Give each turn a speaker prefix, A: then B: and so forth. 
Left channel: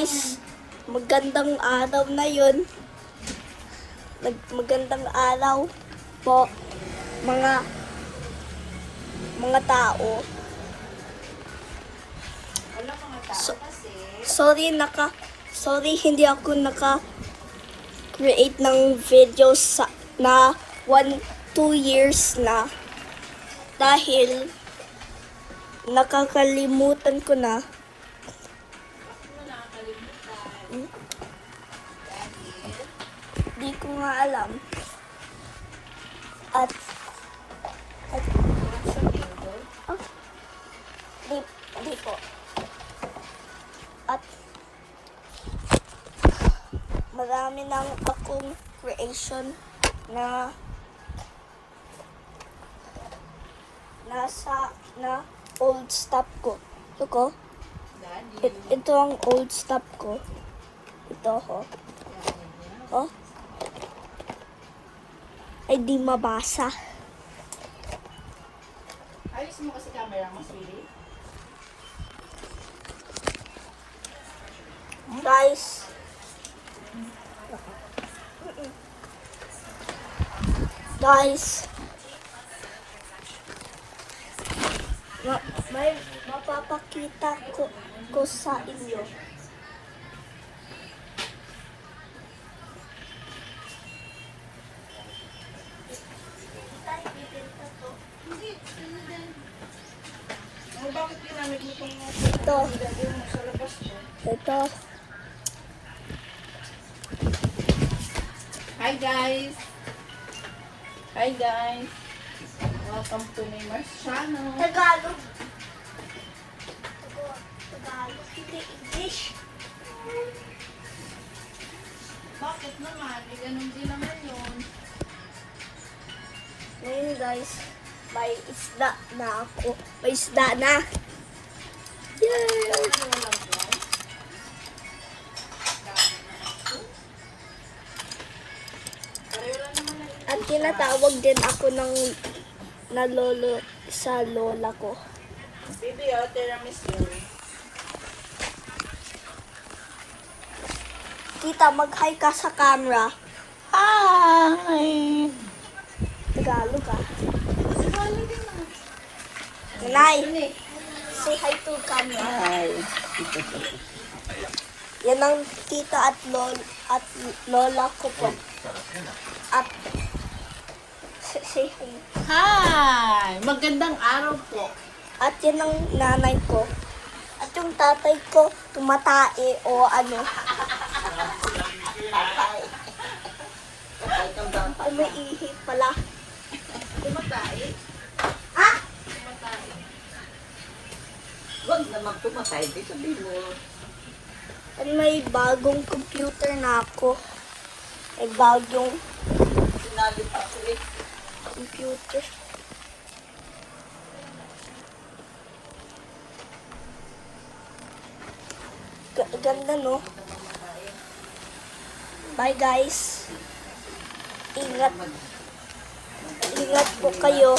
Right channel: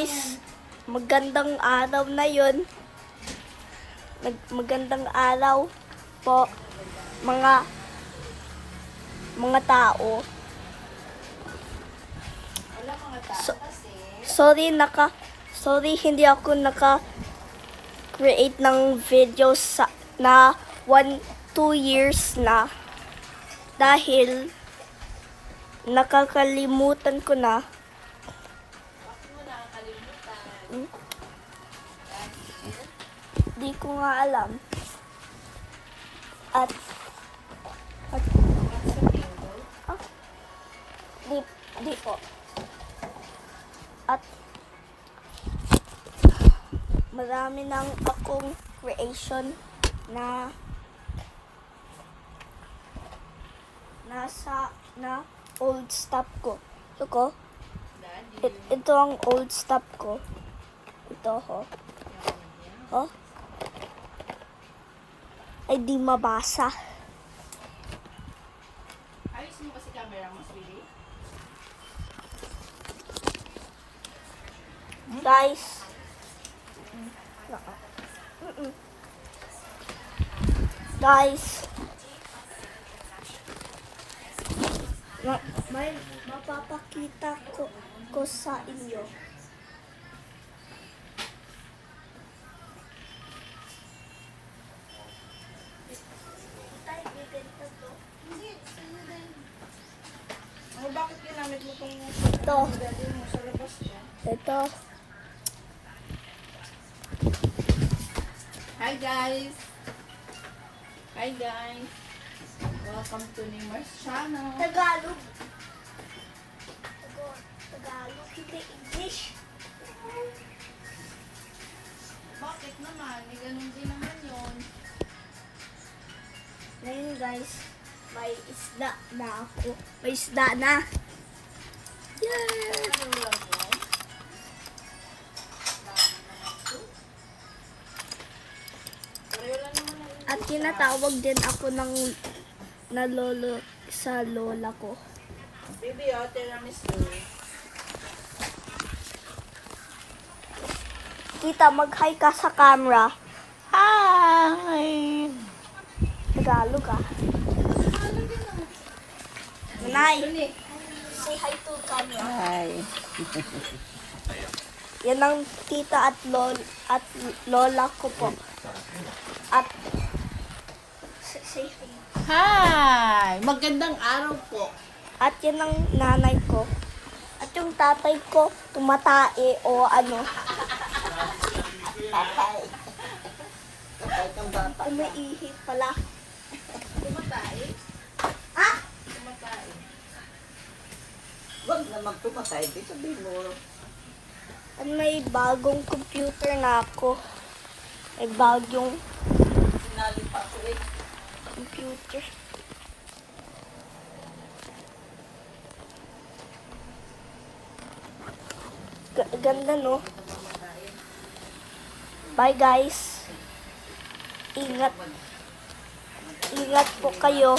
A: guys, magandang araw na yun. Nag- Magandang araw po mga mga tao. So-. Sorry naka sorry hindi ako naka create ng videos sa na 1 2 years na dahil nakakalimutan ko na Di ko nga alam. At, at, ah, di, di po. At, marami nang akong creation na nasa na old stuff ko. Ito ko. Ito ang old stuff ko. Ito ho. Oh. Ay di mabasa.
B: Ayos mo kasi camera mo, sweetie.
A: Guys. Guys. Ma- may mapapakita ko, ko sa inyo.
B: Oh, bakit ginamit mo itong
A: Ito. Ito.
B: Hi guys! Hi guys! Welcome to Neymar's channel.
A: Tagalog. Tagalog, hindi English.
B: Bakit naman? May ganun din naman yun.
A: Ngayon guys, may isda na ako. May isda na. Yay! At tinatawag din ako ng na lolo sa lola ko.
B: Baby, oh, tiramisu.
A: Tita, mag-hi ka sa camera.
B: Hi!
A: Tagalog ah. Nanay? Say hi to camera.
B: Hi!
A: Yan ang tita at lol at lola ko po. At say, hi.
B: Hi! Magandang araw po.
A: At yan ang nanay ko. At yung tatay ko, tumatae o ano. Umiihi pala.
B: Tumatay?
C: Huwag na magpumatay. Di sabihin mo.
A: At may bagong computer na ako. May bagong
C: Sinali pa ako eh.
A: computer. Ga- ganda no? Bye guys. Ingat. Ingat po kayo.